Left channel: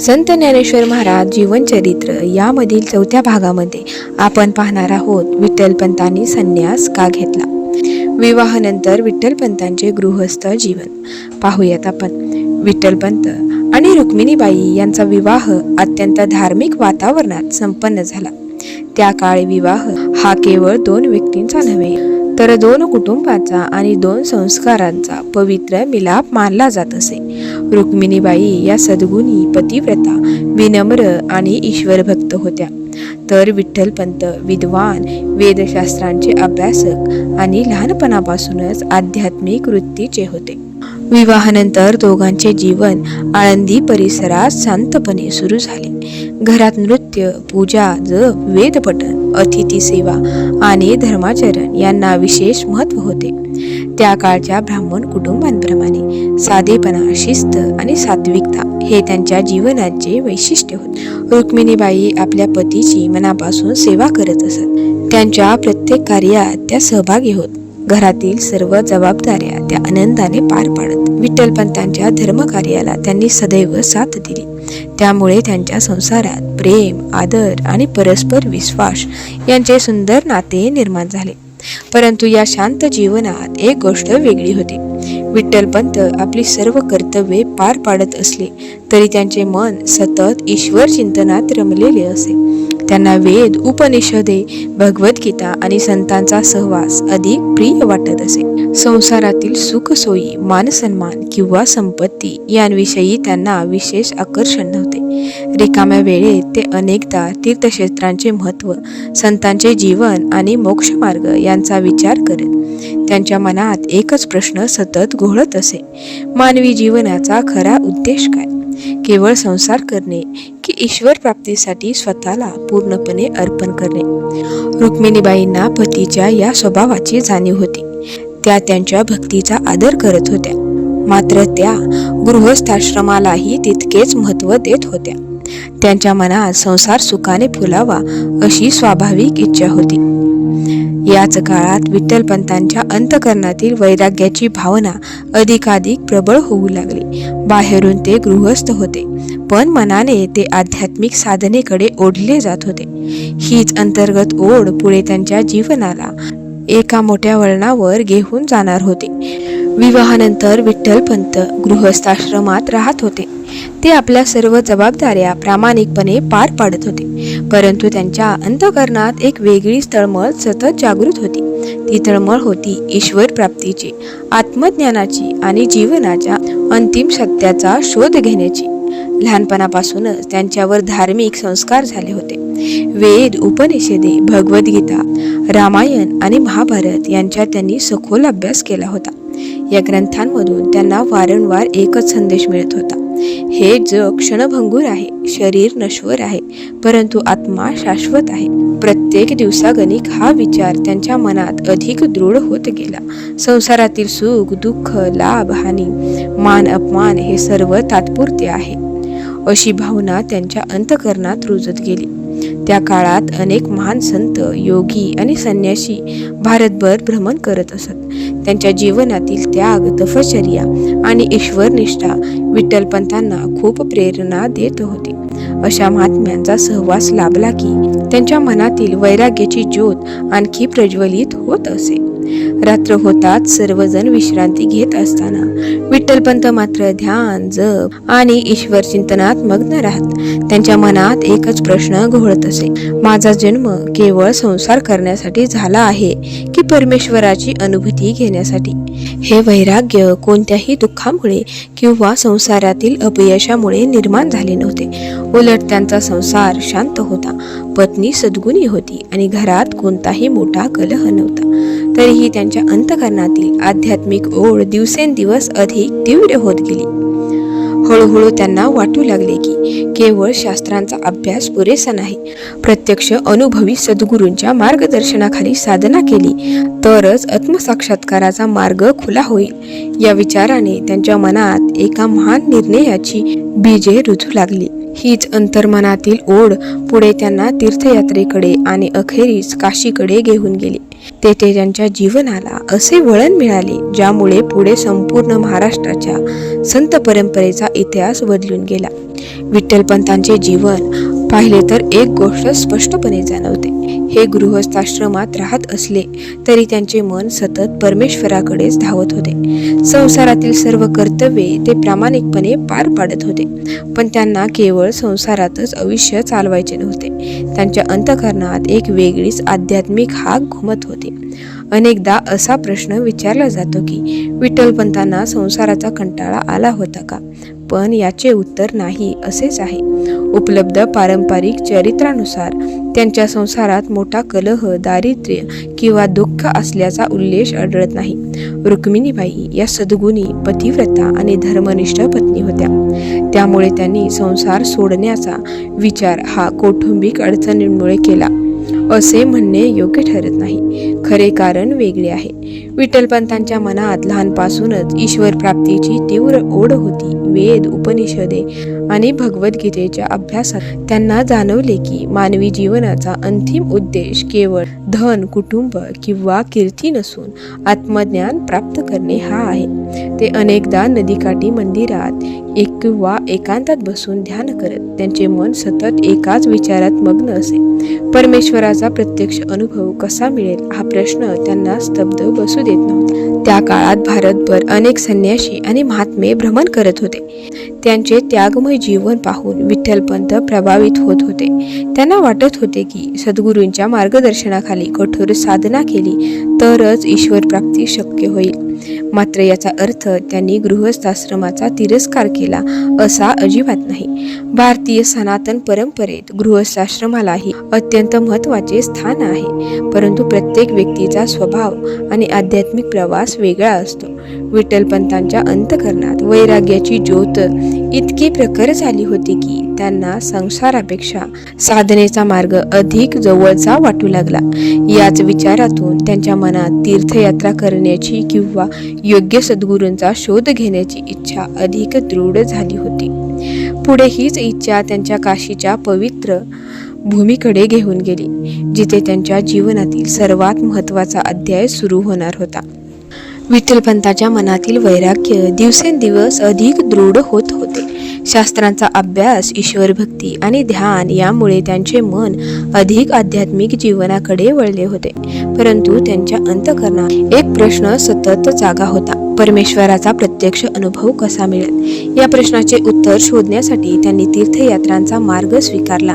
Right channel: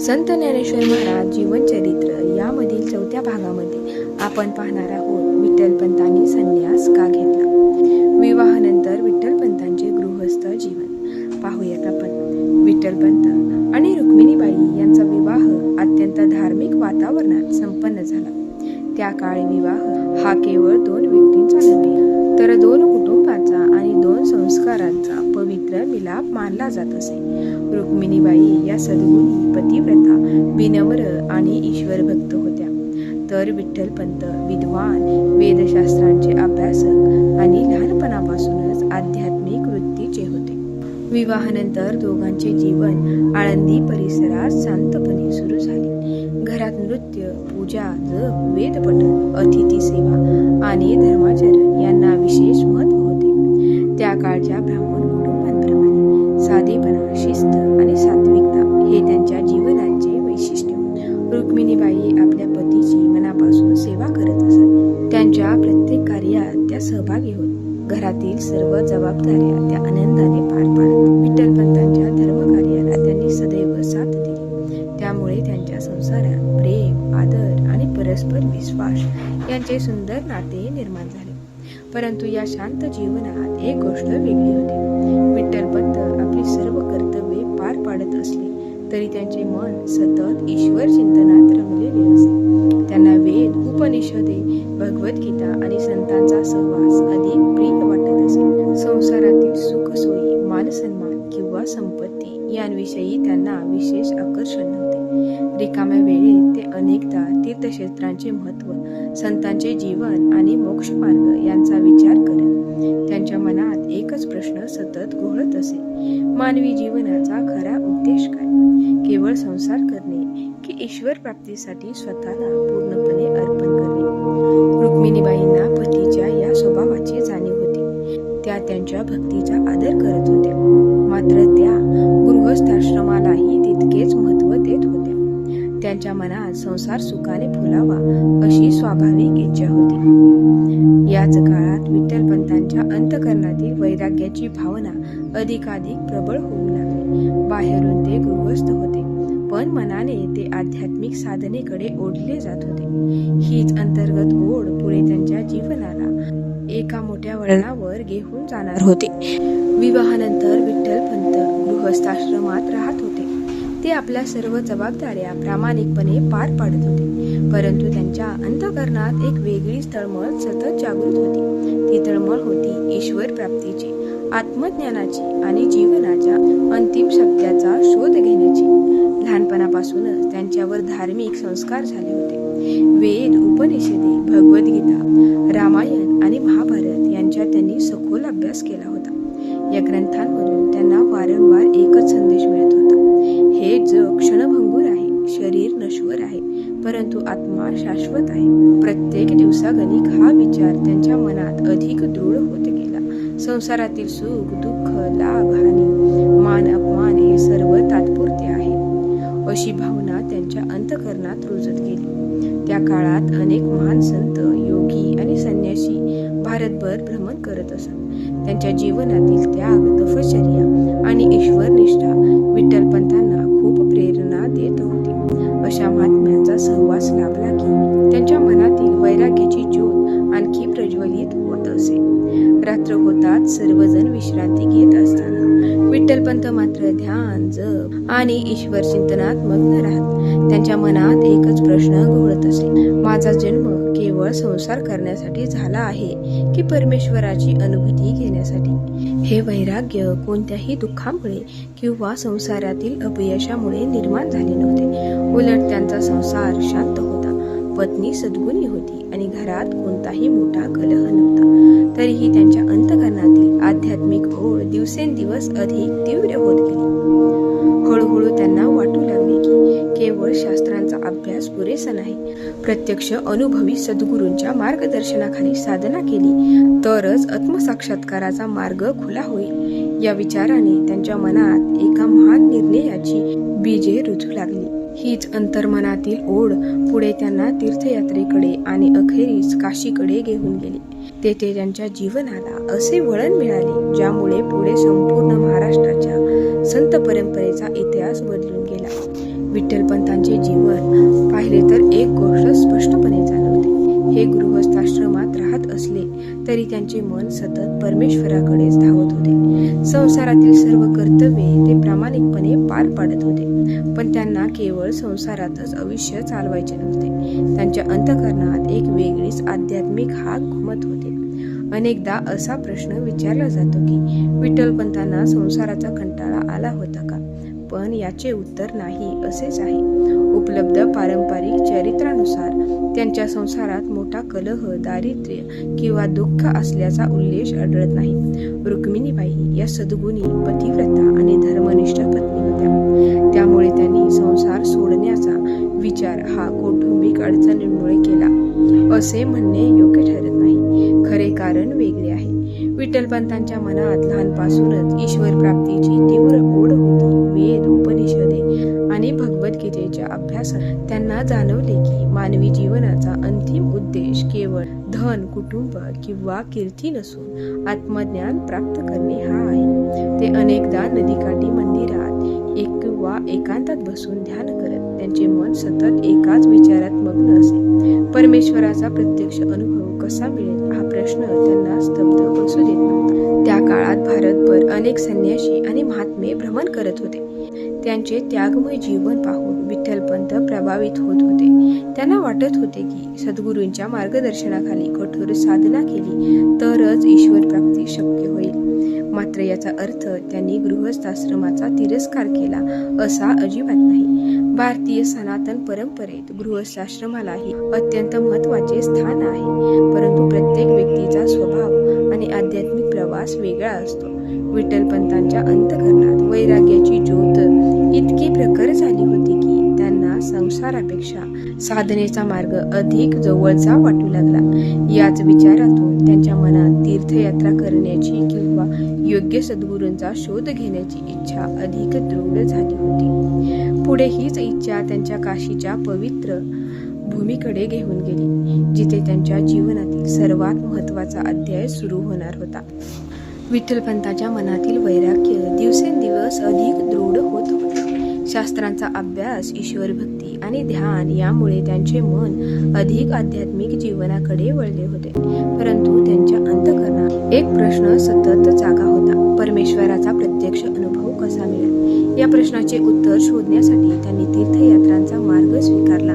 संत ज्ञानेश्वर महाराज जीवनचरित्र यामधील 4थ्या भागामध्ये आपण पाहणार आहोत विठ्ठलपंतांनी संन्यास का घेतला. विवाहानंतर विठ्ठलपंतांचे गृहस्थ जीवन पाहूयात आपण. विठ्ठलपंत आणि रुक्मिणीबाई यांचा विवाह अत्यंत धार्मिक वातावरणात संपन्न झाला. त्या काळी विवाह हा केवळ 2 व्यक्तींचा नव्हे तर 2 कुटुंबांचा आणि 2 संस्कारांचा पवित्र मिलाप मानला जात असे. रुक्मिणीबाई या सद्गुणी पतिव्रता, विनम्र आणि ईश्वरभक्त होत्या, तर विठ्ठलपंत विद्वान, वेदशास्त्रांचे अभ्यासक आणि लहानपणापासूनच आध्यात्मिक वृत्तीचे होते. विवाहानंतर दोघांचे जीवन आळंदी परिसरात शांतपणे सुरू झाले. घरात नृत्य, पूजा, जप, वेदपठण, अतिथी सेवा आणि धर्माचरण यांना विशेष महत्त्व होते. त्या काळच्या ब्राह्मण कुटुंबांप्रमाणे साधेपणा, शिस्त आणि सात्विकता हे त्यांच्या जीवनाचे वैशिष्ट्य होते. रुक्मिणीबाई आपल्या पतीची मनापासून सेवा करत असत. त्यांच्या प्रत्येक कार्यात त्या सहभागी होत. घरातील सर्व जबाबदाऱ्या त्या आनंदाने पार पाडत. विठ्ठलपंतांच्या धर्मकार्याला त्यांनी सदैव साथ दिली. त्यामुळे त्यांच्या संसारात प्रेम, आदर आणि परस्पर विश्वास यांचे सुंदर नाते निर्माण झाले. परंतु या शांत जीवनात एक गोष्ट वेगळी होती. विठ्ठलपंत आपली सर्व कर्तव्ये पार पाडत असले तरी त्यांचे मन सतत ईश्वर चिंतनात रमलेले असे. त्यांना वेद, उपनिषदे, भगवद्गीता आणि संतांचा सहवास अधिक प्रिय वाटत असे. संसारातील सुख सोयी, मानसन्मान किंवा संपत्ती यांविषयी त्यांना विशेष आकर्षण नव्हते. रिकाम्या वेळेत ते अनेकदा तीर्थक्षेत्रांचे महत्त्व, संतांचे जीवन आणि मोक्षमार्ग यांचा विचार करत. त्यांच्या मनात एकच प्रश्न सतत घोळत असे: मानवी जीवनाचा खरा उद्देश काय? केवळ संसार करणे की ईश्वर प्राप्तीसाठी स्वतःला पूर्णपणे अर्पण करणे? रुक्मिणीबाईंना पतीच्या या स्वभावाची जाणीव होती. त्या त्यांच्या भक्तीचा आदर करत होत्या, मात्र त्या गृहस्थाश्रमालाही तितकेच महत्त्व देत होत्या. त्यांच्या मनात संसार सुखाने फुलावा अशी स्वाभाविक इच्छा होती. याच काळात विठ्ठलपंतांच्या अंतःकरणातील वैराग्याची भावना अधिकाधिक प्रबळ होऊ लागली. बाहेरून ते गृहस्थ होते, पण मनाने ते आध्यात्मिक साधनेकडे ओढले जात होते. हीच अंतर्गत ओढ पुढे त्यांच्या जीवनाला एका मोठ्या वळणावर घेऊन जाणार होते. विवाहानंतर विठ्ठलपंत गृहस्थाश्रमात राहत होते. ते आपल्या सर्व जबाबदाऱ्या प्रामाणिकपणे पार पाडत होते, परंतु त्यांच्या अंतःकरणात एक वेगळी तळमळ सतत जागृत होती. ती तळमळ होती ईश्वर प्राप्तीची, आत्मज्ञानाची आणि जीवनाच्या अंतिम सत्याचा शोध घेण्याची. लहानपणापासूनच त्यांच्यावर धार्मिक संस्कार झाले होते. वेद, उपनिषदे, भगवद्गीता, रामायण आणि महाभारत यांचा त्यांनी सखोल अभ्यास केला होता. या ग्रंथांमधून त्यांना वारंवार एकच संदेश मिळत होता: हे जग क्षणभंगूर आहे, शरीर नश्वर आहे, परंतु आत्मा शाश्वत आहे. प्रत्येक दिवसागणिक हा विचार त्यांच्या मनात अधिक दृढ होत गेला. संसारातील सुख, दुःख, लाभ, हानी, मान, अपमान हे सर्व तात्पुरते आहे अशी भावना त्यांच्या अंतःकरणात रुजत गेली. त्या काळात अनेक महान संत, योगी आणि संन्यासी भारतभर भ्रमण करत असत. त्यांच्या जीवनातील त्याग, तपश्चर्या आणि ईश्वरनिष्ठा विठ्ठलपंतांना खूप प्रेरणा देत होती. अशा महात्म्यांचा सहवास लाभला की त्यांच्या मनातील वैराग्याची ज्योत आणखी प्रज्वलित होत असे. रात्र होताच सर्वजण विश्रांती घेत असताना विठ्ठलपंत मात्र ध्यान, जप आणि ईश्वर चिंतनात मग्न राहत. त्यांच्या मनात एकच प्रश्न घोळत असे: माझा जन्म केवळ संसार करण्यासाठी झाला आहे की परमेश्वराची अनुभूती घेण्यासाठी? हे वैराग्य कोणत्याही दुःखामुळे किंवा संसारातील अपयशामुळे निर्माण झाले नव्हते. उलट त्यांचा संसार शांत होता, पत्नी सद्गुणी होती आणि घरात कोणताही मोठा कलह नव्हता. तरीही त्यांच्या अंतःकरणातील आध्यात्मिक ओढ दिवसेंदिवस अधिक तीव्र होत गेली. हळूहळू त्यांना वाटू लागले की केवळ शास्त्रांचा अभ्यास पुरेसा नाही, प्रत्यक्ष अनुभवी सद्गुरूंच्या मार्गदर्शनाखाली साधना केली तरच आत्मसाक्षात्काराचा मार्ग खुला होईल. या विचाराने त्यांच्या मनात एका महान निर्णयाची बीजे रुजू लागली. हीच अंतर्मनातील ओढ पुढे त्यांना तीर्थयात्रेकडे आणि अखेरीस काशीकडे घेऊन गेली. तेथे त्यांच्या जीवनाला असे वळण मिळाले ज्यामुळे पुढे संपूर्ण महाराष्ट्राच्या संत परंपरेचा इतिहास बदलून गेला. विठ्ठलपंतांचे जीवन पाहिले तर एक गोष्ट स्पष्टपणे जाणवते. हे गृहस्थाश्रमात राहत असले तरी त्यांचे मन सतत परमेश्वराकडेच धावत होते. संसारातील सर्व कर्तव्ये ते प्रामाणिकपणे पार पाडत होते, पण त्यांना केवळ संसारातच आयुष्य चालवायचे नव्हते. त्यांच्या अंतःकरणात एक वेगळीच आध्यात्मिक हाक घुमत होती. अनेकदा असा प्रश्न विचारला जातो की विठ्ठलपंतांना संसाराचा कंटाळा आला होता का? पण याचे उत्तर नाही असेच आहे. उपलब्ध पारंपरिक चरित्रानुसार त्यांच्या संसारात मोठा कलह, दारिद्र्य किंवा दुःख असल्याचा उल्लेख आढळत नाही. रुक्मिणीबाई या सद्गुणी, पतिव्रता आणि धर्मनिष्ठ पत्नी होत्या. त्यामुळे त्यांनी संसार सोडण्याचा विचार हा कौटुंबिक अडचणींमुळे केला असे म्हणणे योग्य ठरत नाही. खरे कारण वेगळे आहे. विठ्ठलपंतांच्या मनात लहानपासूनच ईश्वर प्राप्तीची तीव्र ओढ होती. वेद, उपनिषदे आणि भगवद्गीतेच्या अभ्यासात त्यांना जाणवले की मानवी जीवनाचा अंतिम उद्देश केवळ धन, कुटुंब किंवा कीर्ती नसून आत्मज्ञान प्राप्त करणे हा आहे. ते अनेकदा नदीकाठी मंदिरात किंवा एकांतात बसून ध्यान करत त्यांचे मन सतत एकाच विचारात मग्न असे. परमेश्वराचा प्रत्यक्ष अनुभव कसा मिळेल हा प्रश्न त्यांना स्तब्ध बसू देत नव्हता. त्या काळात भारतभर अनेक संन्यासी आणि महात्मे भ्रमण करत होते. त्यांचे त्यागमय जीवन पाहून विठ्ठलपंत प्रभावित होत होते. त्यांना वाटत होते की सद्गुरूंच्या मार्गदर्शनाखाली कठोर साधना केली तरच ईश्वर प्राप्ती शक्य होईल. मात्र याचा अर्थ त्यांनी गृहस्थाश्रमाचा तिरस्कार केला असा अजिबात नाही. भारतीय सनातन परंपरेत गृहस्थाश्रमालाही अत्यंत महत्त्वाचे स्थान आहे, परंतु प्रत्येक व्यक्तीचा स्वभाव आणि आध्यात्मिक प्रवास वेगळा असतो. विठ्ठलपंतांच्या अंतःकरणात वैराग्याची ज्योत इतकी प्रखर झाली होती की त्यांना संसारापेक्षा साधनेचा मार्ग अधिक जवळचा वाटू लागला. याच विचारातून त्यांच्या मनात तीर्थयात्रा करण्याची किंवा योग्य सद्गुरूंचा शोध घेण्याची इच्छा अधिक दृढ झाली होती. पुढे हीच इच्छा त्यांच्या काशीच्या पवित्र भूमीकडे घेऊन गेली, जिथे त्यांच्या जीवनातील सर्वात महत्त्वाचा अध्याय सुरू होणार होता. विठ्ठलपंतांच्या मनातील वैराग्य दिवसेंदिवस अधिक दृढ होत होते. शास्त्रांचा अभ्यास, ईश्वरभक्ती आणि ध्यान यामुळे त्यांचे मन अधिक आध्यात्मिक जीवनाकडे वळले होते. परंतु त्यांच्या अंतःकरणात एक प्रश्न सतत जागा होता: परमेश्वराचा प्रत्यक्ष अनुभव कसा मिळेल? या प्रश्नाचे उत्तर शोधण्यासाठी त्यांनी तीर्थयात्रांचा मार्ग स्वीकारला.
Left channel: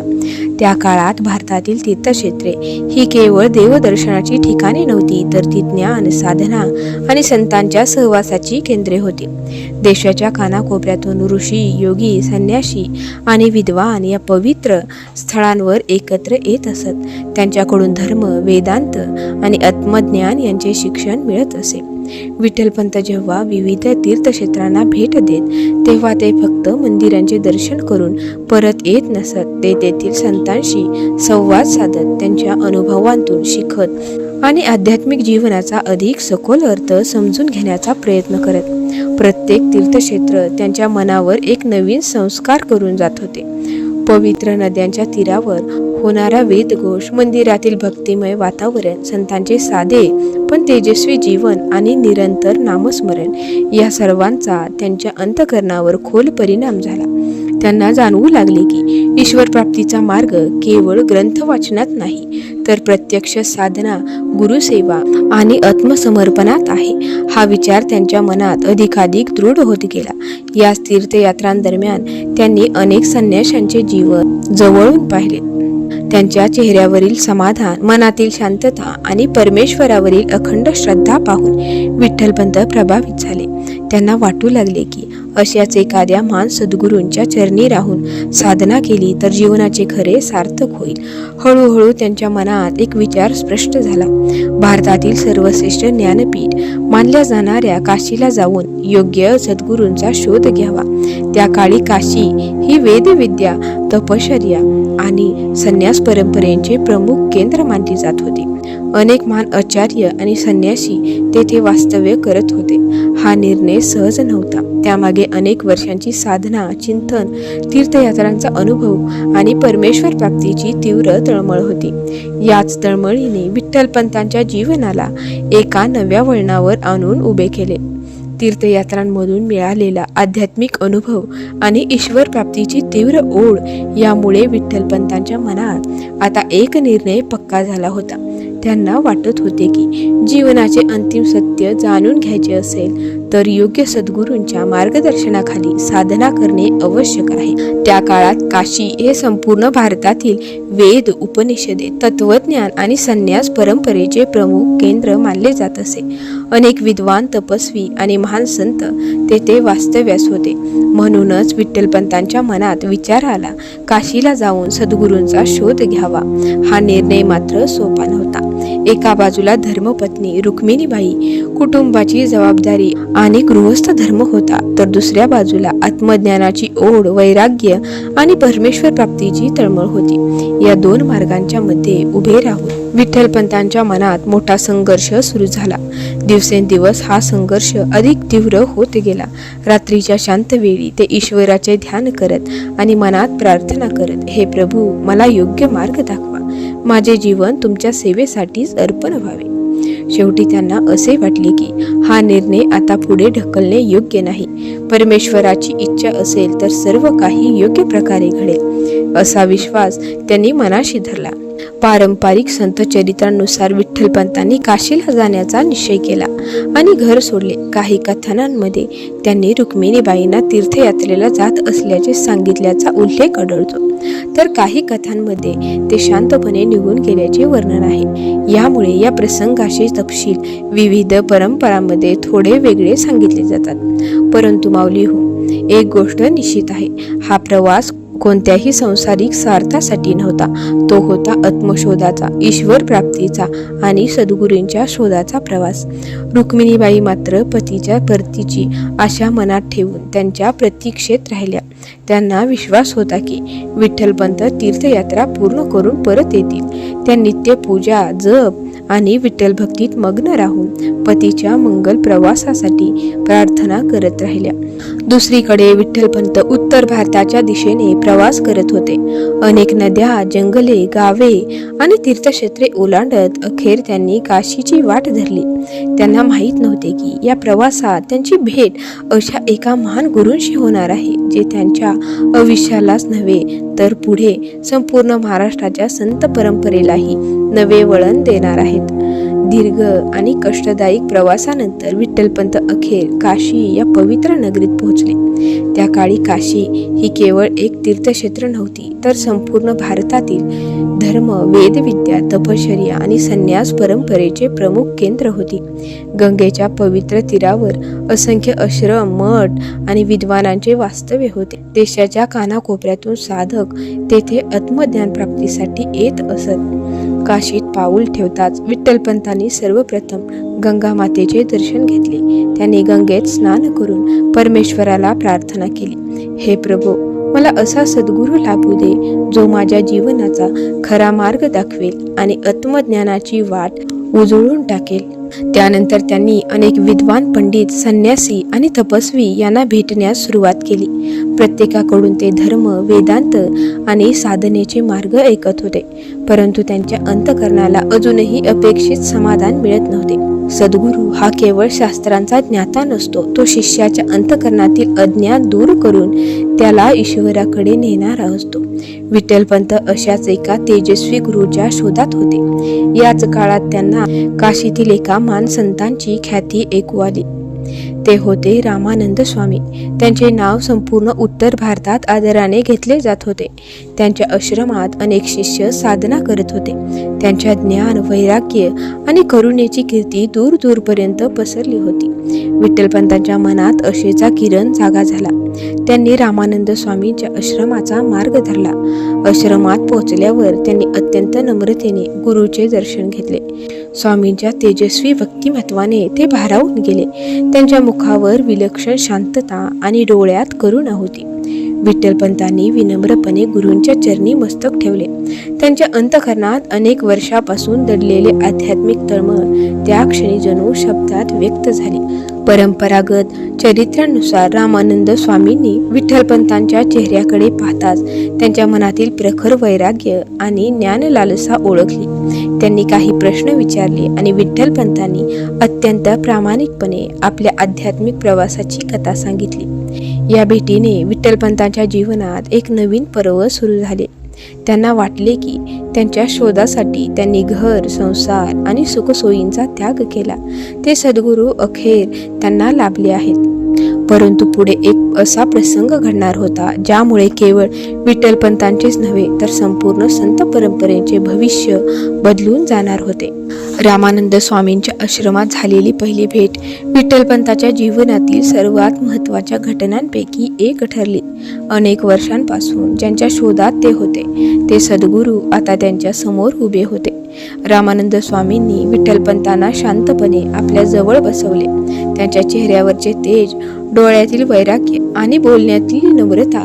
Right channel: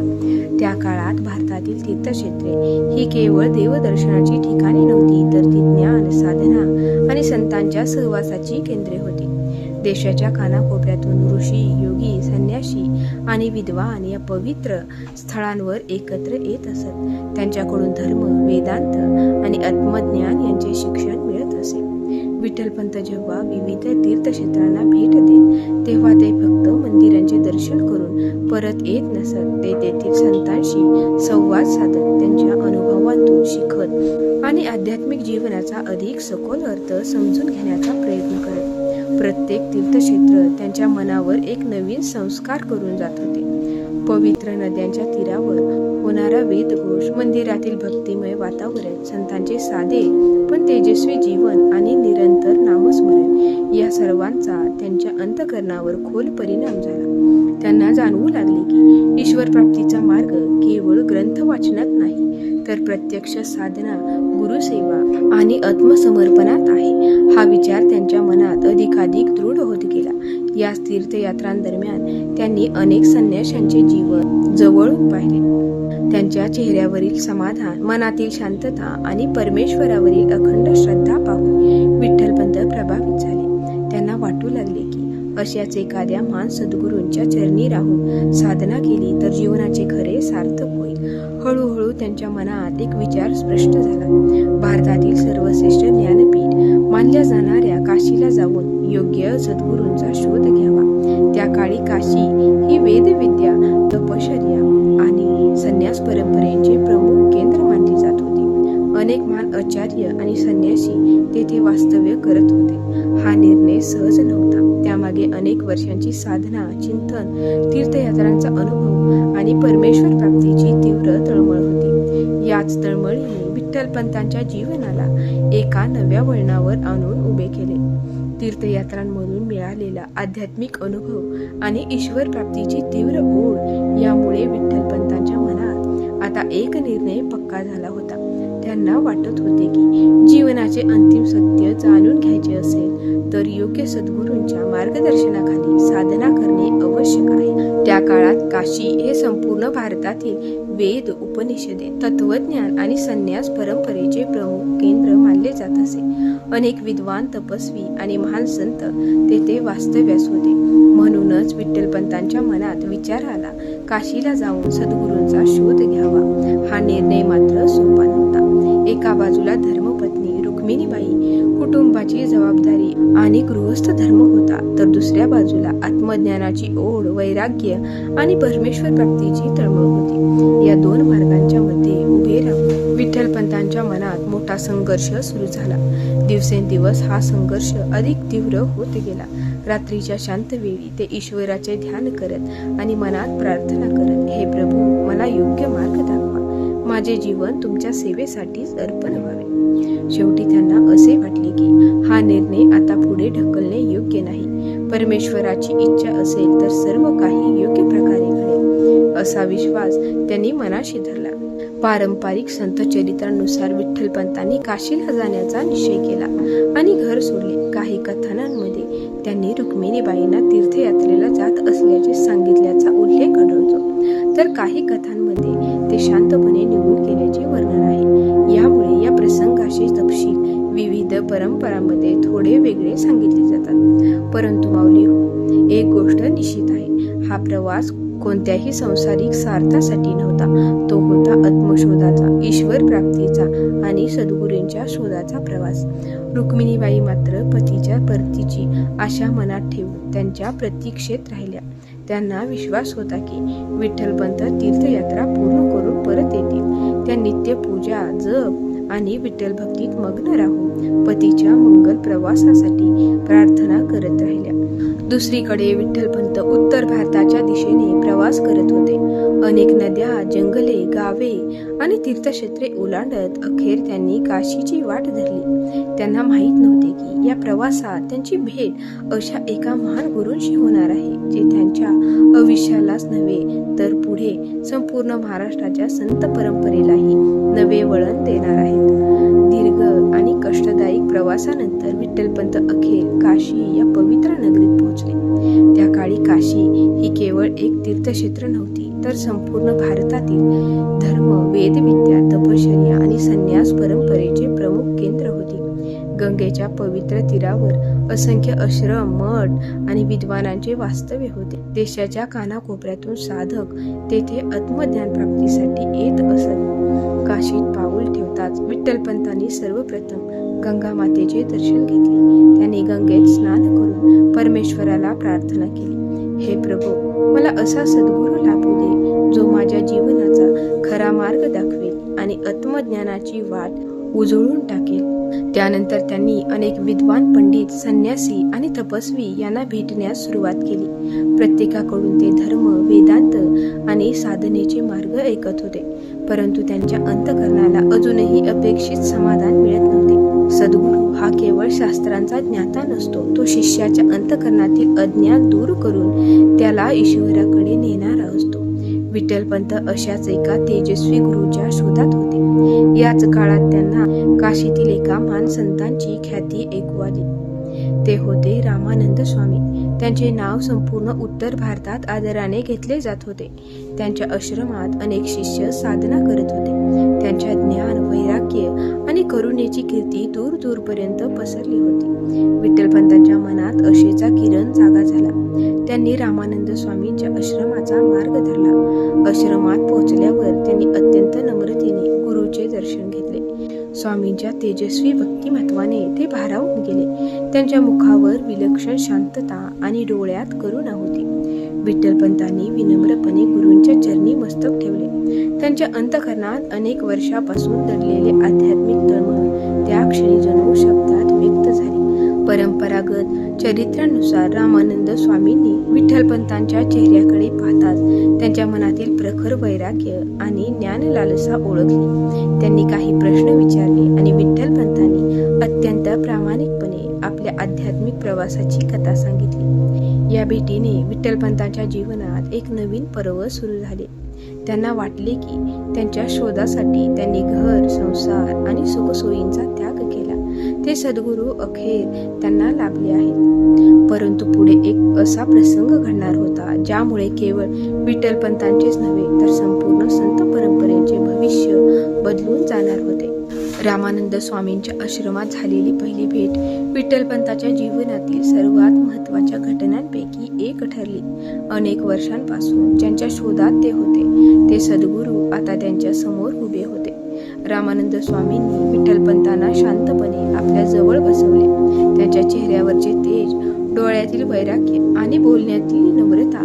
त्या काळात भारतातील तीर्थक्षेत्रे ही केवळ देवदर्शनाची ठिकाणे नव्हती, तर ती ज्ञान, साधना आणि संतांच्या सहवासाची केंद्रे होती. देशाच्या कानाकोपऱ्यातून ऋषी, योगी, संन्यासी आणि विद्वान या पवित्र स्थळांवर एकत्र येत असत. त्यांच्याकडून धर्म, वेदांत आणि आत्मज्ञान यांचे शिक्षण मिळत असे. विठ्ठलपंत जेव्हा विविध तीर्थक्षेत्रांना भेट देत तेव्हा ते फक्त मंदिरांचे दर्शन करून परत येत नसत. ते तेथील संतांशी संवाद साधत, त्यांच्या अनुभवांतून शिकत आणि आध्यात्मिक जीवनाचा अधिक सखोल अर्थ समजून घेण्याचा प्रयत्न करत. प्रत्येक तीर्थक्षेत्र त्यांच्या मनावर एक नवीन संस्कार करून जात होते. पवित्र नद्यांच्या तीरावर होणारा वेदघोष, मंदिरातील भक्तिमय वातावरण, संतांचे साधे पण तेजस्वी जीवन आणि निरंतर नामस्मरण या सर्वांचा त्यांच्या अंतःकरणावर खोल परिणाम झाला. त्यांना जाणवू लागले की ईश्वर प्राप्तीचा मार्ग केवळ ग्रंथ वाचनात नाही, तर प्रत्यक्ष साधना, गुरुसेवा आणि आत्मसमर्पणात आहे. हा विचार त्यांच्या मनात अधिकाधिक दृढ होत गेला. या तीर्थयात्रांदरम्यान त्यांनी अनेक संन्याशांचे जीवन जवळून पाहिले. त्यांच्या चेहऱ्यावरील समाधान, मनातील शांतता आणि परमेश्वरावरील अखंड श्रद्धा पाहून विठ्ठलपंत प्रभावित झाले. त्यांना वाटू लागले की अशाच एखाद्या महान सद्गुरूंच्या चरणी राहून साधना केली तर जीवनाचे खरे सार्थक होईल. हळूहळू त्यांच्या मनात एक विचार स्पष्ट झाला: भारतातील सर्वश्रेष्ठ ज्ञानपीठ मानल्या जाणाऱ्या काशीला जाऊन योग्य सद्गुरूंचा शोध घ्यावा. त्या काळी काशी ही वेदविद्या, तपश्चर्या आणि संन्यास परंपरेचे प्रमुख केंद्र मानली जात होती. अनेक महान आचार्य आणि संन्यासी तेथे वास्तव्य करत होते. हा निर्णय सहज नव्हता. त्यामागे अनेक वर्षांची साधना, चिंतन, तीर्थयात्रांचा अनुभव आणि परमेश्वर प्राप्तीची तीव्र तळमळ होती. याच तळमळीने विठ्ठलपंतांच्या जीवनाला एका नव्या वळणावर आणून उभे केले. तीर्थयात्रांमधून मिळालेला आध्यात्मिक अनुभव आणि ईश्वर प्राप्तीची तीव्र ओढ यामुळे विठ्ठलपंतांच्या मनात आता एक निर्णय पक्का झाला होता. त्यांना वाटत होते की जीवनाचे अंतिम सत्य जाणून घ्यायचे असेल तर योग्य सद्गुरूंच्या मार्गदर्शनाखाली साधना करणे आवश्यक आहे. त्या काळात काशी हे संपूर्ण भारतातील वेद, उपनिषदे, तत्वज्ञान आणि संन्यास परंपरेचे प्रमुख केंद्र मानले जात असे. अनेक विद्वान, तपस्वी आणि महान संत तेथे वास्तव्यास होते. म्हणूनच विठ्ठलपंतांच्या मनात विचार आला, काशीला जाऊन सद्गुरूंचा शोध घ्यावा. हा निर्णय मात्र सोपा नव्हता. एका बाजूला धर्मपत्नी रुक्मिणीबाई, कुटुंबाची जबाबदारी आणि गृहस्थ धर्म होता, तर दुसऱ्या बाजूला आत्मज्ञानाची ओढ, वैराग्य आणि परमेश्वर प्राप्तीची तळमळ होती. या दोन मार्गांच्या मध्ये उभे राहून विठ्ठलपंतांच्या मनात मोठा संघर्ष सुरू झाला. दिवसेंदिवस हा संघर्ष अधिक तीव्र होत गेला. रात्रीच्या शांत वेळी ते ईश्वराचे ध्यान करत आणि मनात प्रार्थना करत, हे प्रभू, मला योग्य मार्ग दाखवा. माझे जीवन तुमच्या सेवेसाठीच अर्पण व्हावे. शेवटी त्यांना असे वाटले की हा निर्णय आता पुढे ढकलणे योग्य नाही. परमेश्वराची इच्छा असेल तर सर्व काही योग्य प्रकारे घडेल, असा विश्वास त्यांनी मनाशी धरला. पारंपरिक संत चरित्रांनुसार विठ्ठलपंतांनी काशीला जाण्याचा निश्चय केला आणि घर सोडले. काही कथनांमध्ये त्यांनी रुक्मिणीबाईंना तीर्थयात्रेला जात असल्याचे सांगितल्याचा उल्लेख आढळतो, तर काही कथांमध्ये ते शांतपणे निघून गेल्याचे वर्णन आहे. यामुळे या प्रसंगाचे तपशील विविध परंपरांमध्ये थोडे वेगळे सांगितले जातात. परंतु माऊली हो, एक गोष्ट निश्चित आहे, हा प्रवास कोणत्याही सांसारिक स्वार्थासाठी नव्हता. तो होता आत्मशोधाचा, ईश्वर प्राप्तीचा आणि सद्गुरूंच्या शोधाचा प्रवास. रुक्मिणीबाई मात्र पतीच्या परतीची आशा मनात ठेवून त्यांच्या प्रतीक्षेत राहिल्या. त्यांना विश्वास होता की विठ्ठलपंत तीर्थयात्रा पूर्ण करून परत येतील. त्या नित्य पूजा, जप आणि विठ्ठल भक्तीत मग्न राहून पतीच्या मंगल प्रवासासाठी प्रार्थना करत राहिल्या. दुसरीकडे विठ्ठलपंत उत्तर भारताच्या दिशेने प्रवास करत होते. अनेक नद्या, जंगले, गावे आणि तीर्थक्षेत्रे ओलांडत अखेर त्यांनी काशीची वाट धरली. त्यांना माहीत नव्हते की या प्रवासात त्यांची भेट अशा एका महान गुरूंशी होणार आहे, जे त्यांच्या आयुष्यालाच नव्हे तर पुढे संपूर्ण महाराष्ट्राच्या संत परंपरेलाही नवे वळण देणार आहेत. दीर्घ आणि कष्टदायी प्रवासानंतर विठ्ठलपंत अखेर काशी या पवित्र नगरीत पोहोचले. त्या काळी काशी ही केवळ एक तीर्थक्षेत्र नव्हती, तर संपूर्ण भारतातील धर्म, वेदविद्या, तपश्चर्या आणि संन्यास परंपरेचे प्रमुख केंद्र होती. गंगेच्या पवित्र तीरावर असंख्य आश्रम, मठ आणि विद्वानांचे वास्तव्य होते. देशाच्या कानाकोपऱ्यातून साधक तेथे आत्मज्ञान प्राप्तीसाठी येत असत. काशीत पाऊल ठेवताच विठ्ठलपंतांनी सर्वप्रथम गंगा मातेचे दर्शन घेतले. त्यांनी गंगेत स्नान करून परमेश्वराला प्रार्थना केली, हे प्रभू, मला असा सद्गुरू लाभू दे जो माझ्या जीवनाचा खरा मार्ग दाखवेल आणि आत्मज्ञानाची वाट उजळून टाकेल. त्यानंतर त्यांनी अनेक विद्वान, पंडित, संन्यासी आणि तपस्वी यांना भेटण्यास सुरुवात केली. प्रत्येकाकडून ते धर्म, वेदांत आणि साधनेचे मार्ग ऐकत होते, परंतु त्यांच्या अंतःकरणाला अजूनही अपेक्षित समाधान मिळत नव्हते. सद्गुरू हा केवळ शास्त्रांचा ज्ञाता नसतो, तो शिष्याच्या अंतःकरणातील अज्ञान दूर करून त्याला ईश्वराकडे नेणारा असतो. विठ्ठलपंत अशाच एका तेजस्वी गुरुच्या शोधात होते. याच काळात त्यांना काशीतील एका महान संतांची ख्याती ऐकू आली. ते होते रामानंद स्वामी. त्यांचे नाव संपूर्ण उत्तर भारतात आदराने घेतले जात होते. त्यांच्या आश्रमात अनेक शिष्य साधना करत होते. त्यांच्या ज्ञान, वैराग्य आणि करुणेची कीर्ती दूर दूरपर्यंत पसरली होती. विठ्ठलपंतांच्या मनात आशेचा किरण जागा झाला. त्यांनी रामानंद स्वामींच्या आश्रमाचा मार्ग धरला. आश्रमात पोहोचल्यावर त्यांनी अत्यंत नम्रतेने गुरुचे दर्शन घेतले. स्वामींच्या तेजस्वी व्यक्तिमत्वाने ते भारावून गेले. त्यांच्या मुखावर विलक्षण शांतता आणि डोळ्यात करुणा होती. विठ्ठलपंतांनी विनम्रपणे गुरूंच्या चरणी मस्तक ठेवले. त्यांच्या अंतःकरणात अनेक वर्षापासून दडलेले आध्यात्मिक तळमळ त्या क्षणी जणू शब्दात व्यक्त झाली. परंपरागत चरित्रानुसार रामानंद स्वामींनी विठ्ठलपंतांच्या चेहऱ्याकडे पाहताच त्यांच्या मनातील प्रखर वैराग्य आणि ज्ञानलालसा ओळखली. त्यांनी काही प्रश्न विचारले आणि विठ्ठलपंतांनी अत्यंत प्रामाणिकपणे आपल्या आध्यात्मिक प्रवासाची कथा सांगितली. या भेटीने विठ्ठलपंतांच्या जीवनात एक नवीन पर्व सुरू झाले. त्यांना वाटले की त्यांच्या शोधासाठी त्यांनी घर, संसार आणि सुखसोयींचा त्याग केला. ते सद्गुरू अखेर त्यांना लाभले आहेत. परंतु पुढे एक असा प्रसंग घडणार होता ज्यामुळे केवळ विठ्ठलपंतांचेच नव्हे तर संपूर्ण संत परंपरेचे भविष्य बदलून जाणार होते. रामानंद स्वामींच्या आश्रमात झालेली पहिली भेट विठ्ठलपंतांच्या जीवनातील सर्वात महत्त्वाच्या घटनांपैकी एक ठरली. अनेक वर्षांपासून ज्यांच्या शोधात ते होते ते सद्गुरू आता त्यांच्या समोर उभे होते. रामानंद स्वामींनी विठ्ठलपंतांना शांतपणे आपल्या जवळ बसवले. त्यांच्या चेहऱ्यावरचे तेज, डोळ्यातील वैराग्य आणि बोलण्यातील नम्रता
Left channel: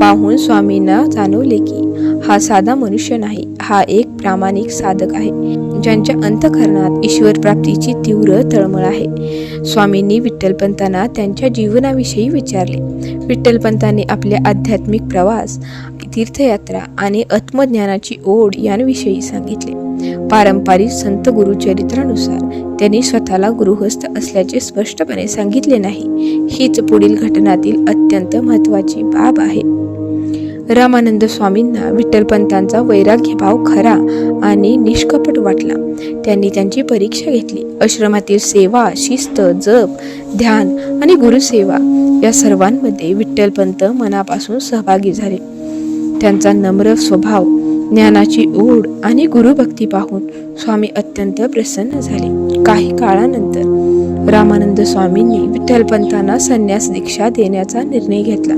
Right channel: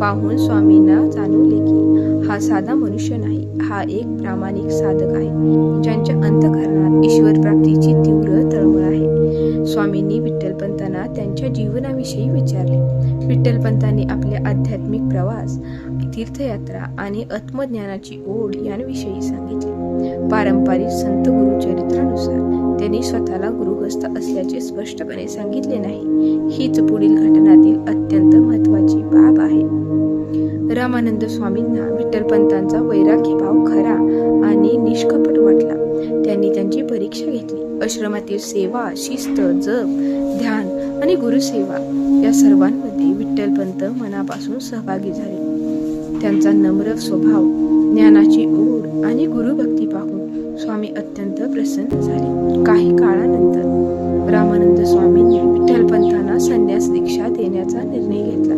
पाहून स्वामींना जाणवले की हा साधा मनुष्य नाही, हा एक प्रामाणिक साधक आहे ज्यांच्या अंतःकरणात ईश्वर प्राप्तीची तीव्र तळमळ आहे. स्वामींनी विठ्ठलपंतांना त्यांच्या जीवनाविषयी विचारले. विठ्ठलपंतांनी आपले आध्यात्मिक प्रवास, तीर्थयात्रा आणि आत्मज्ञानाची ओढ यांविषयी सांगितले. पारंपरिक संत गुरुचरित्रानुसार त्यांनी स्वतःला गृहस्थ असल्याचे स्पष्टपणे सांगितले नाही. हीच पुढील घटनातील अत्यंत महत्त्वाची बाब आहे. रामानंद स्वामींना विठ्ठलपंतांचा वैराग्यभाव खरा आणि निष्कपट वाटला. त्यांनी त्यांची परीक्षा घेतली. आश्रमातील सेवा, शिस्त, जप, ध्यान आणि गुरुसेवा या सर्वांमध्ये विठ्ठलपंत मनापासून सहभागी झाले. त्यांचा नम्र स्वभाव, ज्ञानाची ओढ आणि गुरुभक्ती पाहून स्वामी अत्यंत प्रसन्न झाले. काही काळानंतर रामानंद स्वामींनी विठ्ठलपंतांना संन्यास दीक्षा देण्याचा निर्णय घेतला.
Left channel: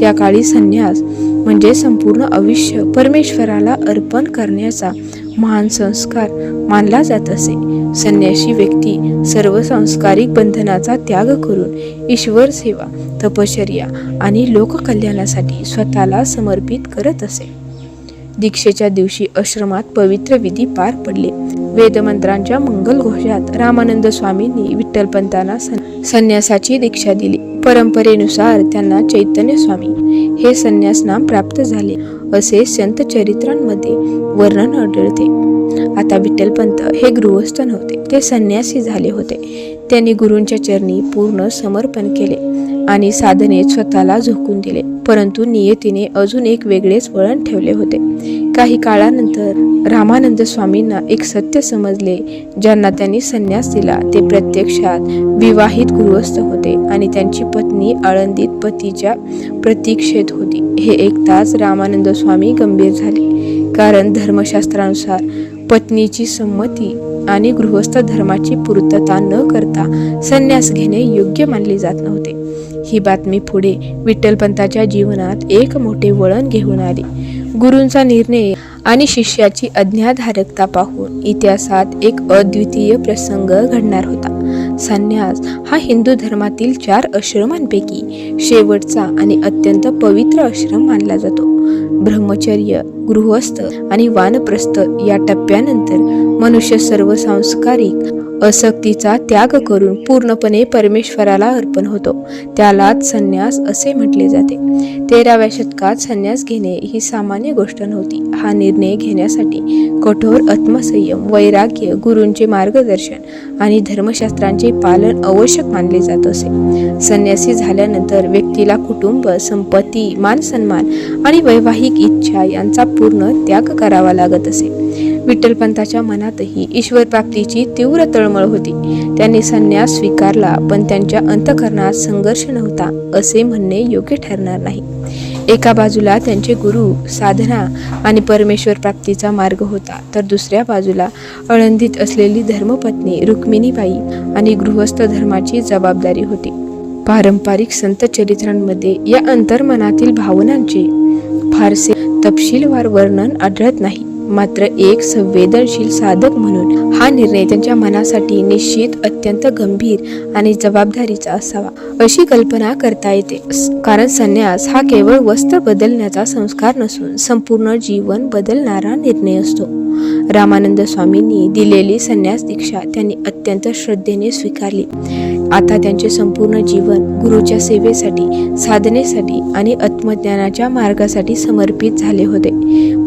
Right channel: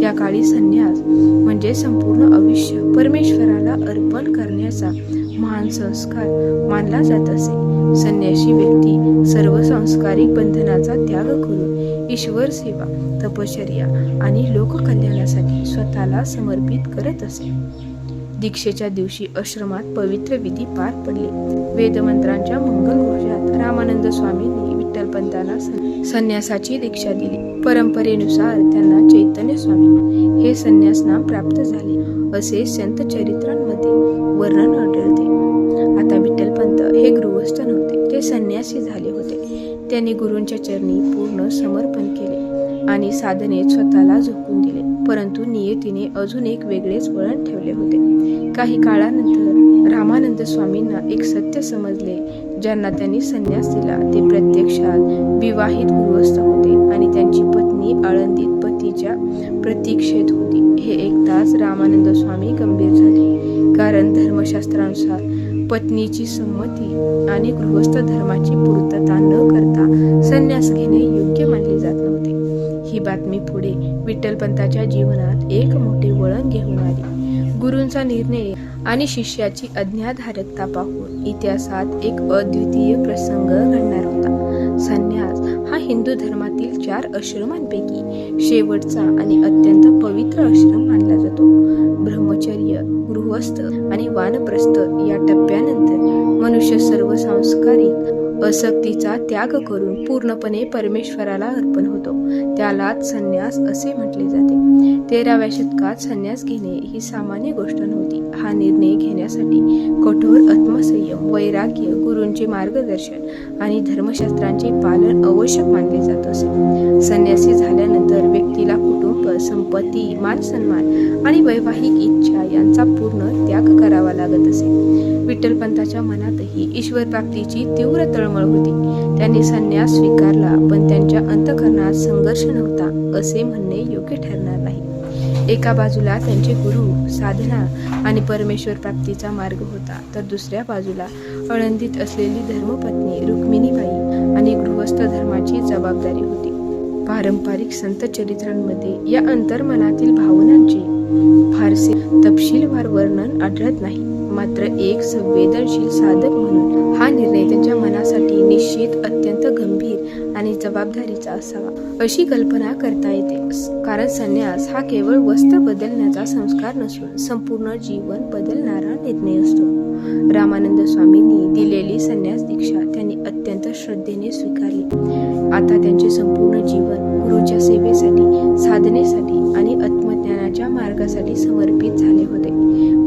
त्या काळी संन्यास म्हणजे संपूर्ण आयुष्य परमेश्वराला अर्पण करण्याचा महान संस्कार मानला जात असे. संन्यासी व्यक्ती सर्व सांसारिक बंधनाचा त्याग करून ईश्वर सेवा, तपश्चर्या आणि लोककल्याणासाठी स्वतःला समर्पित करत असे. दीक्षेच्या दिवशी आश्रमात पवित्र विधी पार पडले. वेदमंत्रांच्या मंगल घोषात रामानंद स्वामींनी विठ्ठलपंतांना संन्यासाची दीक्षा दिली. परंपरेनुसार त्यांना चैतन्य स्वामी हे संन्यास नाम प्राप्त झाले असे संत चरित्रांमध्ये वर्णन आढळते. आता विठ्ठलपंत हे गृहस्थ नव्हते, ते संन्यासी झाले होते. त्यांनी गुरूंच्या चरणी पूर्ण समर्पण केले आणि साधनेत स्वतःला झोकून दिले. परंतु नियतीने अजून एक वेगळेच वळण ठेवले होते. काही काळानंतर रामानंद स्वामींना एक सत्य समजले. ज्यांना त्यांनी संन्यास दिला ते प्रत्यक्षात विवाहित गृहस्थ होते आणि त्यांची पत्नी आळंदीत पतीच्या प्रतीक्षेत होती. हे ऐकताच रामानंद स्वामी गंभीर झाले, कारण धर्मशास्त्रानुसार पत्नीची संमती आणि गृहस्थ धर्माची पूर्तता न करता संन्यास घेणे योग्य मानले जात नव्हते. ही बातमी पुढे विठ्ठलपंतांच्या जीवनात एक मोठे वळण घेऊन आली. गुरूंचा निर्णय आणि शिष्याची आज्ञाधारकता पाहून इतिहासात एक अद्वितीय प्रसंग घडणार होता. संन्यास हा हिंदू धर्मातील 4 आश्रमांपैकी शेवटचा आणि अत्यंत पवित्र आश्रम मानला जातो. ब्रह्मचर्य, गृहस्थ आणि वानप्रस्थ या टप्प्यानंतर मनुष्य सर्व सांस्कारिक आसक्तीचा त्याग करून पूर्णपणे परमेश्वराला अर्पण होतो. त्यालाच संन्यास असे म्हटले जाते. 13व्या शतकात संन्यास घेणे ही सामान्य गोष्ट नव्हती. हा निर्णय घेण्यासाठी कठोर आत्मसंयम, वैराग्य, गुरूंचे मार्गदर्शन आणि धर्मशास्त्रांचे पालन आवश्यक मानले जात असे. संन्यासी झाल्यानंतर व्यक्तीला कुटुंब, संपत्ती, मानसन्मान आणि वैवाहिक इच्छा यांचा पूर्ण त्याग करावा लागत असे. विठ्ठलपंतांच्या मनातही ईश्वर प्राप्तीची तीव्र तळमळ होती. त्यांनी संन्यास स्वीकारला, पण त्यांच्या अंतःकरणात संघर्ष नव्हता असे म्हणणे योग्य ठरणार नाही. एका बाजूला त्यांचे गुरु, साधना आणि परमेश्वर प्राप्तीचा मार्ग होता, तर दुसऱ्या बाजूला आळंदीत असलेली धर्मपत्नी रुक्मिणीबाई आणि गृहस्थ धर्माची जबाबदारी होती. पारंपरिक संत चरित्रांमध्ये या अंतर्मनातील भावनांचे फारसे तपशीलवार वर्णन आढळत नाही. मात्र एक संवेदनशील साधक म्हणून हा निर्णय त्यांच्या मनासाठी निश्चित अत्यंत गंभीर आणि जबाबदारीचा असावा अशी कल्पना करता येते. कारण संन्यास हा केवळ वस्त्र बदलण्याचा संस्कार नसून संपूर्ण जीवन बदलणारा निर्णय असतो. रामानंद स्वामींनी दिलेली संन्यास दीक्षा त्यांनी अत्यंत श्रद्धेने स्वीकारली. आता त्यांचे संपूर्ण जीवन गुरुच्या सेवेसाठी, साधनेसाठी आणि आत्मज्ञानाच्या मार्गासाठी समर्पित झाले होते.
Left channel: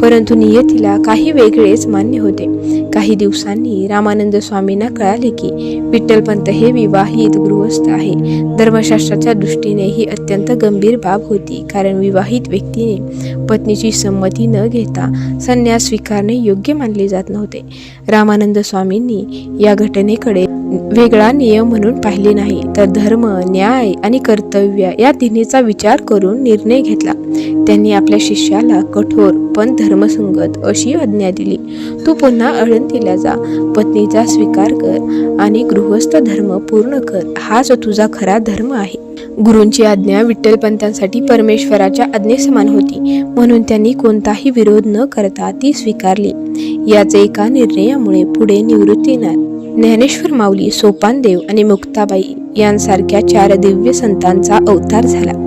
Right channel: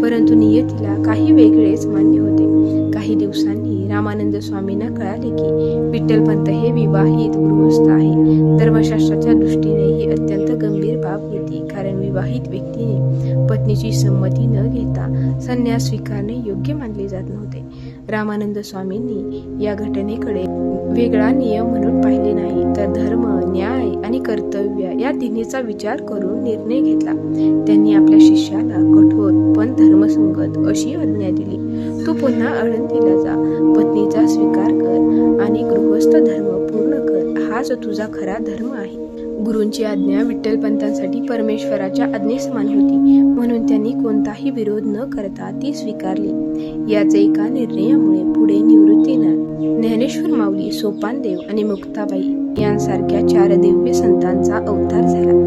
परंतु नियतीला काही वेगळेच मान्य होते. काही दिवसांनी रामानंद स्वामींना कळाले की विठ्ठलपंत हे विवाहित गृहस्थ आहे. धर्मशास्त्राच्या दृष्टीने ही अत्यंत गंभीर बाब होती, कारण विवाहित व्यक्तीने पत्नीची संमती न घेता संन्यास स्वीकारणे योग्य मानले जात नव्हते. रामानंद स्वामींनी या घटनेकडे वेगळा नियम म्हणून पाहिले नाही, तर धर्म, न्याय आणि कर्तव्य या तिन्हीचा विचार करून निर्णय घेतला. त्यांनी आपल्या शिष्याला कठोर पण धर्मसंगत अशी आज्ञा दिली. तू पुन्हा आळंदीला जा, पत्नीचा स्वीकार कर आणि गृहस्थ धर्म पूर्ण कर. हाच तुझा खरा धर्म आहे. गुरूंची आज्ञा विठ्ठलपंतांसाठी परमेश्वराच्या आज्ञेसमान होती, म्हणून त्यांनी कोणताही विरोध न करता ती स्वीकारली. याच एका निर्णयामुळे पुढे निवृत्तीनाथ, ज्ञानेश्वर माऊली, सोपानदेव आणि मुक्ताबाई यांसारख्या 4 दिव्य संतांचा अवतार झाला.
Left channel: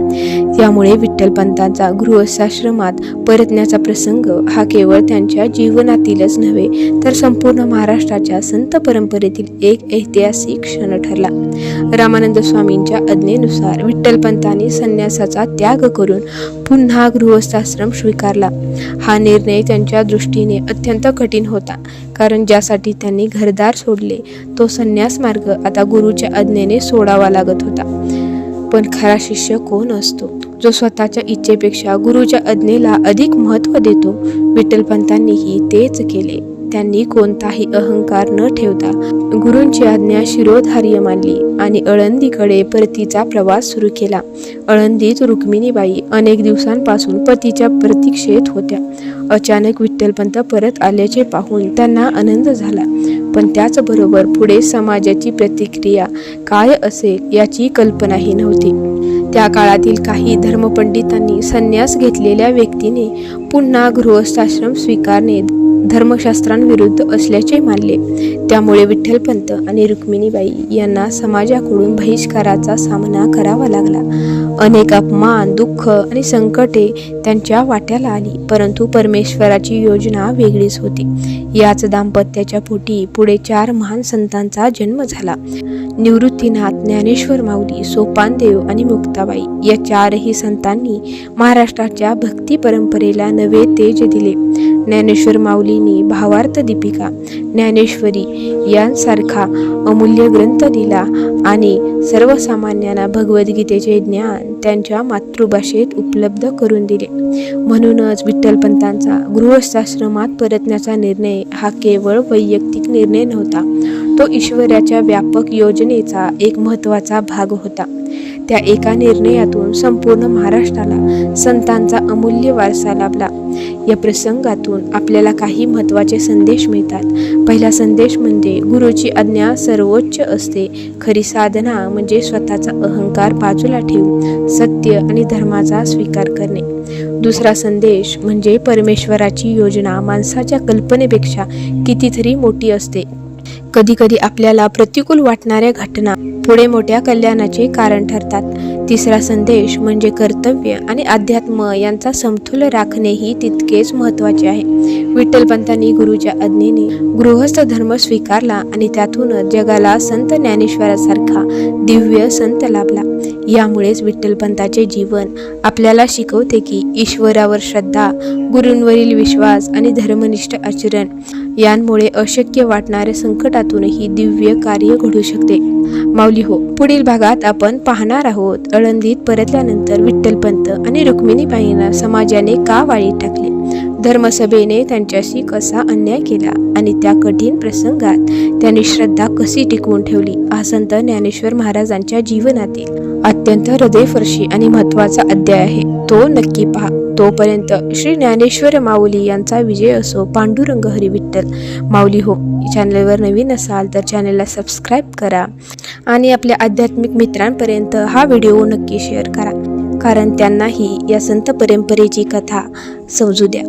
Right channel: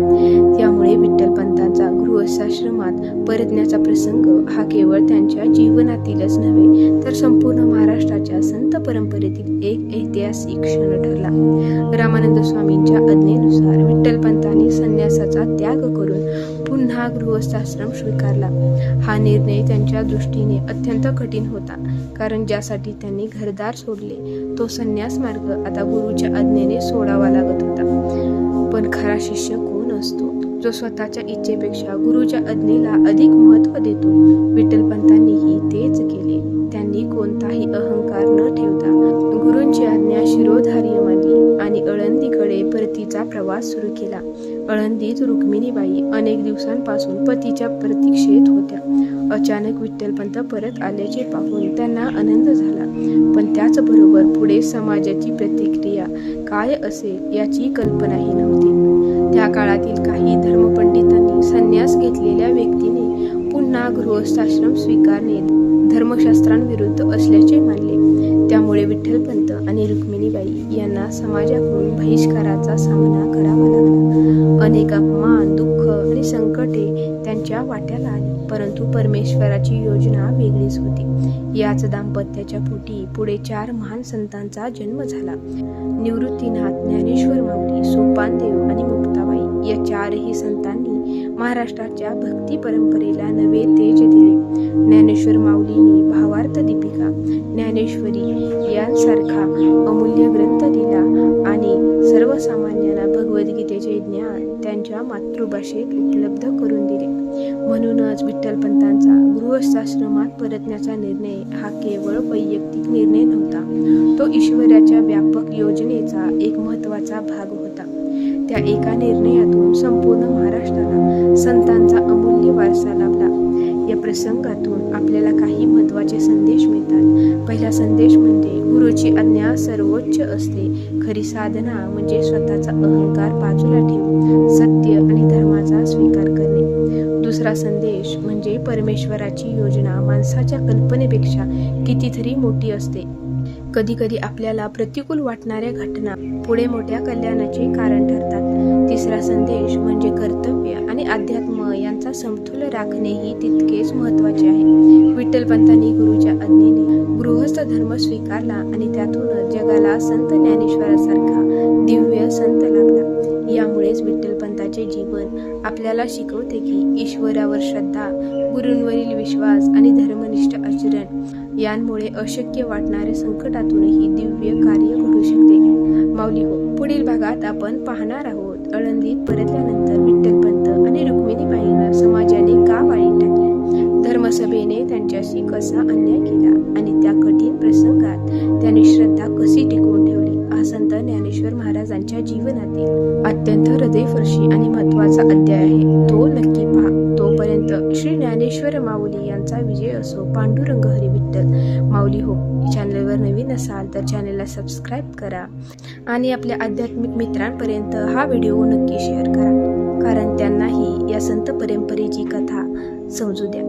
यामुळे विठ्ठलपंतांचा गृहस्थाश्रमात परतण्याचा प्रसंग हा केवळ त्यांच्या जीवनातीलच नव्हे, तर संपूर्ण महाराष्ट्राच्या संत परंपरेतील एक ऐतिहासिक क्षण ठरला. रामानंद स्वामींच्या आज्ञेनुसार विठ्ठलपंतांनी संन्यासाचा त्याग करून पुन्हा गृहस्थाश्रम स्वीकारला. हा निर्णय त्यांच्या दृष्टीने अत्यंत कठीण होता, कारण ज्यासाठी त्यांनी घरदार सोडले तो संन्यास मार्ग आता गुरुच्या आज्ञेने सोडावा लागत होता. पण खरा शिष्य कोण असतो? जो स्वतःच्या इच्छेपेक्षा गुरुच्या आज्ञेला अधिक महत्त्व देतो. विठ्ठलपंतांनीही तेच केले. त्यांनी कोणताही अहंकार न ठेवता गुरूंची आज्ञा शिरोधार्य मानली आणि आळंदीकडे परतीचा प्रवास सुरू केला. आळंदीत रुक्मिणीबाई अनेक दिवसांपासून पतीच्या प्रतीक्षेत होत्या. अचानक विठ्ठलपंत परत आल्याचे पाहून त्यांना आनंद झाला, पण त्याचबरोबर पुढे समाजाची प्रतिक्रिया काय असेल याची कल्पनाही नव्हती. त्या काळातील काही धर्मपंडितांनी संन्यास घेतलेल्या व्यक्तीने पुन्हा गृहस्थाश्रम स्वीकारणे धर्मशास्त्रांविरुद्ध असल्याचे मानले. त्यामुळे विठ्ठलपंत आणि रुक्मिणीबाई यांना समाजाकडून बहिष्काराचा सामना करावा लागला. अनेक अपमान, दुःख आणि संकटे त्यांच्या वाट्याला आली, परंतु परमेश्वराची योजना वेगळीच होती. याच दाम्पत्याच्या पोटी पुढे 4 महान संतांचा जन्म झाला. निवृत्तीनाथ, ज्ञानेश्वर माऊली, सोपानदेव आणि मुक्ताबाई या 4ही संतांनी महाराष्ट्राच्या भक्ती परंपरेला नवे तेज दिले. ज्ञानेश्वर माऊलींनी भावार्थ दीपिका, ज्ञानेश्वरी यांसारखा अमूल्य ग्रंथ दिला आणि सर्वसामान्यांना भगवद्गीतेचे ज्ञान त्यांच्या मातृभाषेत उपलब्ध करून दिले. म्हणूनच विठ्ठलपंतांचा गृहस्थाश्रमात परतण्याचा निर्णय हा केवळ वैयक्तिक निर्णय नव्हता, तो ईश्वराच्या व्यापक योजनेचा एक महत्त्वाचा भाग होता. त्या एका निर्णयातून संपूर्ण महाराष्ट्राला संतांचा अमूल्य वारसा लाभला. या प्रसंगातून आपल्याला काही महत्त्वाचे संदेश मिळतात. पहिला संदेश म्हणजे गुरुची आज्ञा सर्वोच्च असते. खरी साधना म्हणजे स्वतःचा अहंकार बाजूला ठेवून सत्य आणि धर्माचा स्वीकार करणे. दुसरा संदेश म्हणजे परमेश्वराची योजना माणसाच्या कल्पनेपेक्षा कितीतरी मोठी असते. कधीकधी आपल्याला प्रतिकूल वाटणाऱ्या घटना पुढे मोठ्या कल्याणाचे कारण ठरतात. तिसरा संदेश म्हणजे कर्तव्य आणि अध्यात्म यांचा समतोल राखणे ही तितकेच महत्त्वाचे आहे. विठ्ठलपंतांनी गुरुच्या आज्ञेने गृहस्थ धर्म स्वीकारला आणि त्यातूनच जगाला संत ज्ञानेश्वरासारखा दिव्य संत लाभला. यामुळेच विठ्ठलपंताचे जीवन आपल्याला शिकवते की ईश्वरावर श्रद्धा, गुरूंवरील विश्वास आणि धर्मनिष्ठ आचरण यांमुळे अशक्य वाटणाऱ्या संकटातूनही दिव्य कार्य घडू शकते. माऊली हो, पुढील भागात आपण पाहणार आहोत आळंदीत परतल्यानंतर विठ्ठलपंत आणि रुक्मिणीबाईंना समाजाने का वाळीत टाकले, धर्मसभेने त्यांच्याशी कसा अन्याय केला आणि त्या कठीण प्रसंगात त्यांनी श्रद्धा कशी टिकवून ठेवली. हा संत ज्ञानेश्वर महाराजांच्या जीवनातील अत्यंत हृदयस्पर्शी आणि महत्त्वाचा अध्याय आहे. तो नक्की पहा. तोपर्यंत श्री ज्ञानेश्वर माऊली यांचा विजय असो. पांडुरंग हरी विठ्ठल. माऊली हो, चॅनलवर नवीन असाल तर चॅनलला सबस्क्राईब करा आणि आपल्या आध्यात्मिक मित्रांपर्यंत हा व्हिडिओ नक्की शेअर करा, कारण त्यांनाही या संत परंपरेची कथा समजू द्या.